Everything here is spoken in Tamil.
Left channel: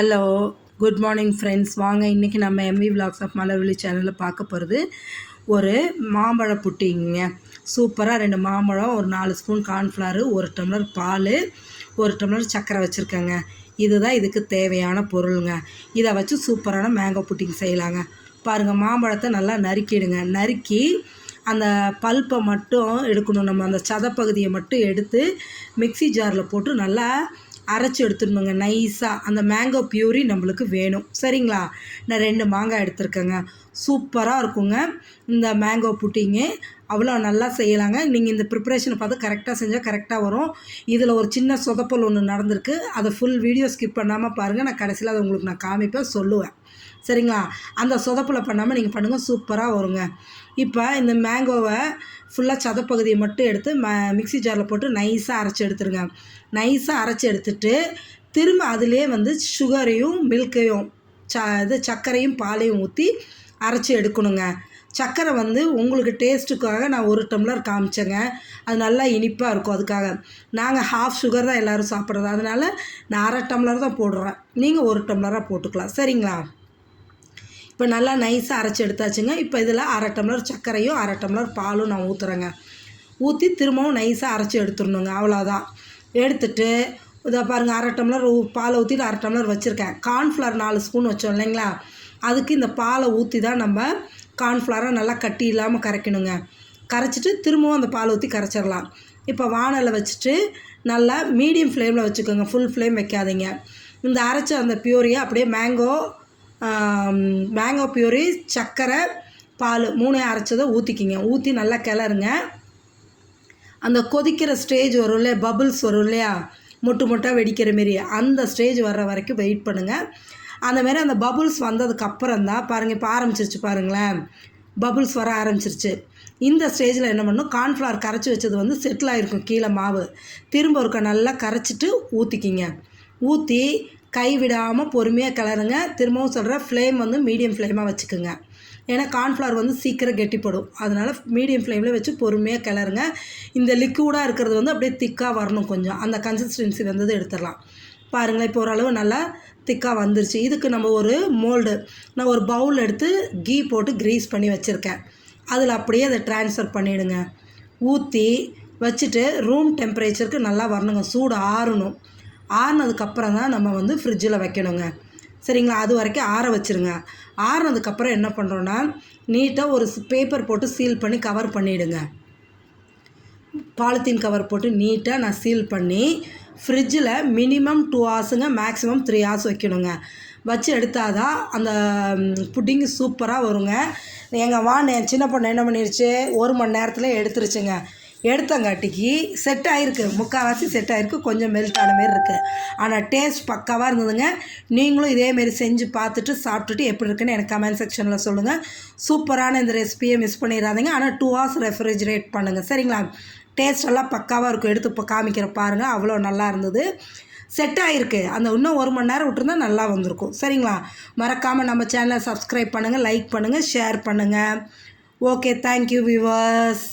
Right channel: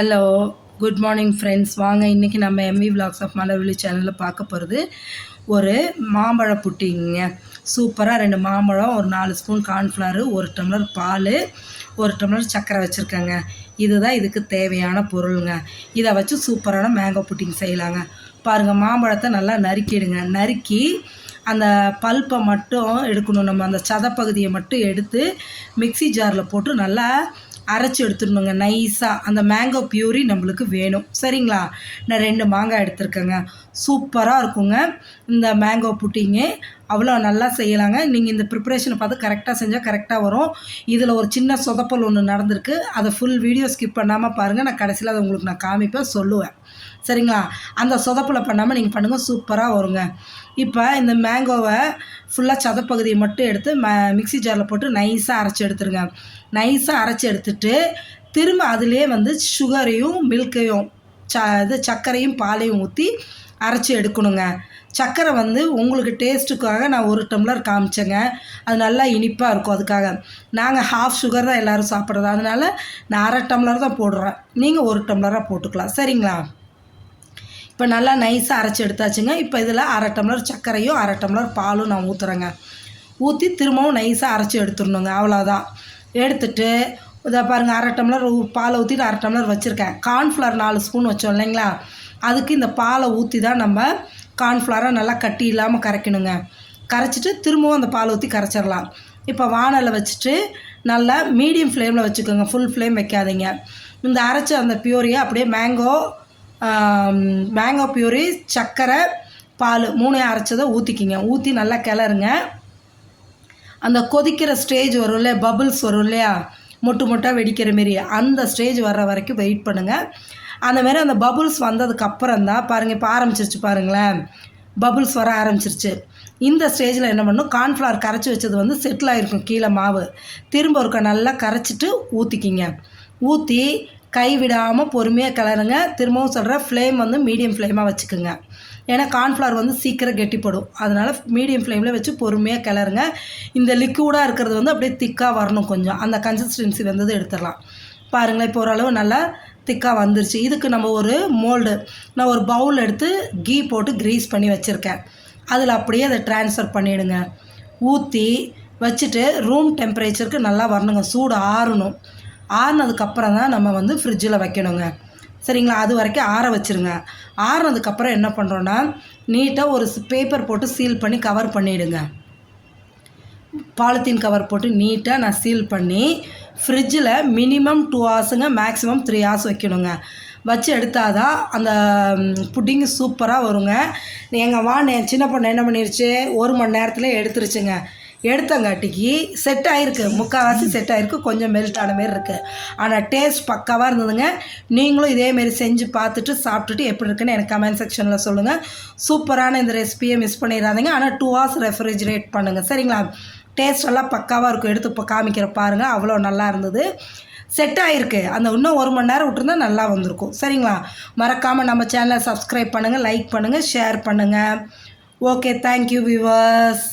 Hello, good morning friends. வாங்க இன்றைக்கி நம்ம எம்வி விலாக்ஸ் ஆஃப் மலர்விழி சேனலில் பார்க்க போகிறது ஒரு மாம்பழ புட்டிங்க. சூப்பராக 2 மாம்பழம், ஒரு 4 ஸ்பூன் கார்ன்ஃப்ளவர், 1 டம்ளர் பால், 1 டம்ளர் சர்க்கரை வச்சுருக்கேங்க. இதுதான் இதுக்கு தேவையான பொருளுங்க. இதை வச்சு சூப்பரான மேங்கோ புட்டிங் செய்யலாங்க. பாருங்கள், மாம்பழத்தை நல்லா நறுக்கிடுங்க. நறுக்கி அந்த பல்ப்பை மட்டும் எடுக்கணும். நம்ம அந்த சதப்பகுதியை மட்டும் எடுத்து மிக்சி ஜாரில் போட்டு நல்லா அரைச்சி எடுத்துடணுங்க நைஸாக. அந்த மேங்கோ பியூரி நம்மளுக்கு வேணும். சரிங்களா? நான் 2 மாங்காய் எடுத்துருக்கேங்க. சூப்பராக இருக்குங்க இந்த மேங்கோ புட்டிங்கு. அவ்வளோ நல்லா செய்யலாங்க. நீங்கள் இந்த ப்ரிப்பரேஷனை பார்த்து கரெக்டாக செஞ்சால் கரெக்டாக வரும். இதில் ஒரு சின்ன சொதப்பல் ஒன்று நடந்திருக்கு. அதை ஃபுல் வீடியோ ஸ்கிப் பண்ணாமல் பாருங்கள். நான் கடைசியில் அதை உங்களுக்கு நான் காமிப்பேன், சொல்லுவேன். சரிங்களா? அந்த சொதப்பலை பண்ணாமல் நீங்கள் பண்ணுங்கள், சூப்பராக வருங்க. இப்போ இந்த மேங்கோவை ஃபுல்லாக சதப்பகுதியை மட்டும் எடுத்து மிக்சி ஜாரில் போட்டு நைஸாக அரைச்சி எடுத்துருங்க. நைஸாக அரைச்சி எடுத்துட்டு திரும்ப அதிலே சுகரையும் மில்கையும் சர்க்கரையும் பாலையும் ஊற்றி அரைச்சி எடுக்கணுங்க. சர்க்கரை உங்களுக்கு டேஸ்ட்டுக்காக நான் 1 டம்ளர் காமிச்சேங்க. அது நல்லா இனிப்பாக இருக்கும். அதுக்காக நாங்கள் ஹாஃப் சுகர் தான் எல்லோரும் சாப்பிட்றது. அதனால் நான் 1/2 டம்ளர் தான் போடுறேன். நீங்கள் 1 டம்ளராக போட்டுக்கலாம். சரிங்களா? இப்போ நல்லா நைஸாக அரைச்சி எடுத்தாச்சுங்க. இப்போ இதில் 1/2 டம்ளர் சர்க்கரையும் 1/2 டம்ளர் பாலும் நான் ஊற்றுறேங்க. ஊற்றி திரும்பவும் நைஸாக அரைச்சி எடுத்துடணுங்க. அவ்வளோதான். எடுத்துட்டு இதை பாருங்கள், 1/2 டம்ளர் பாலை ஊற்றிட்டு 1/2 டம்ளர் வச்சுருக்கேன். கார்ன்ஃப்ளவர் 4 ஸ்பூன் வச்சோம் இல்லைங்களா? அதுக்கு இந்த பாலை ஊற்றி தான் நம்ம கார்ன்ஃப்ளவரை நல்லா கட்டி இல்லாமல் கரைக்கணுங்க. கரைச்சிட்டு திரும்பவும் அந்த பாலை ஊற்றி கரைச்சிடலாம். இப்போ வானலை வச்சுட்டு நல்லா மீடியம் ஃப்ளேமில் வச்சுக்கோங்க. ஃபுல் ஃப்ளேம் வைக்காதீங்க. இந்த அரைச்ச அந்த பியூரியை அப்படியே மேங்கோ பியூரி, சர்க்கரை, பால் 3 அரைச்சதை ஊற்றிக்கிங்க. ஊற்றி நல்லா கிளறுங்க. அந்த கொதிக்கிற ஸ்டேஜ் வரும் இல்லையா, பபுள்ஸ் வரும் இல்லையா, மொட்டாக வெடிக்கிற மாரி, அந்த ஸ்டேஜ் வர்ற வரைக்கும் வெயிட் பண்ணுங்கள். அந்தமாரி அந்த பபுள்ஸ் வந்ததுக்கப்புறம் தான் பாருங்கள், இப்போ ஆரம்பிச்சிருச்சு பாருங்களேன், பபுள்ஸ் வர ஆரம்பிச்சிருச்சு. இந்த ஸ்டேஜில் என்ன பண்ணணும், கார்ன்ஃப்ளவர் கரைச்சி வச்சது செட்டில் ஆகிருக்கும் கீழே மாவு. திரும்ப ஒருக்க நல்லா கரைச்சிட்டு ஊற்றிக்கிங்க. ஊற்றி கை விடாமல் பொறுமையாக கிளறுங்க. திரும்பவும் சொல்கிறேன், ஃப்ளேம் மீடியம் ஃப்ளேமாக வச்சுக்கோங்க. ஏன்னா கார்ன்ஃப்ளவர் சீக்கிரம் கெட்டிப்படும். அதனால் மீடியம் ஃப்ளேமில் வச்சு பொறுமையாக கிளறுங்க. இந்த லிக்விடாக இருக்கிறது அப்படியே திக்காக வரணும். கொஞ்சம் அந்த கன்சிஸ்டன்சி எடுத்துடலாம். பாருங்கள், இப்போ ஓரளவு நல்லா திக்காக வந்துருச்சு. இதுக்கு நம்ம ஒரு மோல்டு, நான் ஒரு பவுல் எடுத்து கீ போட்டு க்ரீஸ் பண்ணி வச்சுருக்கேன். அதில் அப்படியே அதை ட்ரான்ஸ்ஃபர் பண்ணிவிடுங்க. ஊற்றி வச்சுட்டு ரூம் டெம்பரேச்சருக்கு நல்லா வரணுங்க. சூடு ஆறணும். ஆறுனதுக்கப்புறம் தான் நம்ம ஃப்ரிட்ஜில் வைக்கணுங்க. சரிங்களா? அது வரைக்கும் ஆற வச்சுருங்க. ஆறுனதுக்கப்புறம் என்ன பண்ணுறோன்னா, நீட்டாக ஒரு பேப்பர் போட்டு சீல் பண்ணி கவர் பண்ணிவிடுங்க. பாலித்தீன் கவர் போட்டு நீட்டாக நான் சீல் பண்ணி ஃப்ரிட்ஜில் மினிமம் 2 ஹார்ஸுங்க, மேக்ஸிமம் 3 ஹார்ஸ் வைக்கணுங்க. வச்சு எடுத்தால் தான் அந்த புட்டிங்கு சூப்பராக வருங்க. என் சின்ன பொண்ணு என்ன பண்ணிருச்சு, 1 மணி நேரத்தில் எடுத்துருச்சுங்க. எடுத்தங்காட்டிக்கு செட் ஆகிருக்கு, முக்கால்வாசி செட் ஆகிருக்கு. கொஞ்சம் மெல்ட் ஆன மாரி இருக்குது. ஆனால் டேஸ்ட் பக்காவாக இருந்ததுங்க. நீங்களும் இதேமாரி செஞ்சு பார்த்துட்டு சாப்பிட்டுட்டு எப்படி இருக்குன்னு எனக்கு கமெண்ட் செக்ஷனில் சொல்லுங்கள். சூப்பரான இந்த ரெசிபியை மிஸ் பண்ணிடாதீங்க. ஆனால் 2 ஹார்ஸ் ரெஃப்ரிஜரேட் பண்ணுங்கள். சரிங்களா? டேஸ்ட் எல்லாம் பக்காவாக இருக்கும். எடுத்து இப்போ காமிக்கிற பாருங்கள், அவ்வளோ நல்லா இருந்தது. செட் ஆகிருக்கு. அந்த இன்னும் 1 மணி நேரம் விட்டுருந்தா நல்லா வந்திருக்கும். சரிங்களா? மறக்காமல் நம்ம சேனலை சப்ஸ்கிரைப் பண்ணுங்கள், லைக் பண்ணுங்கள், ஷேர் பண்ணுங்கள். Okay, thank you viewers.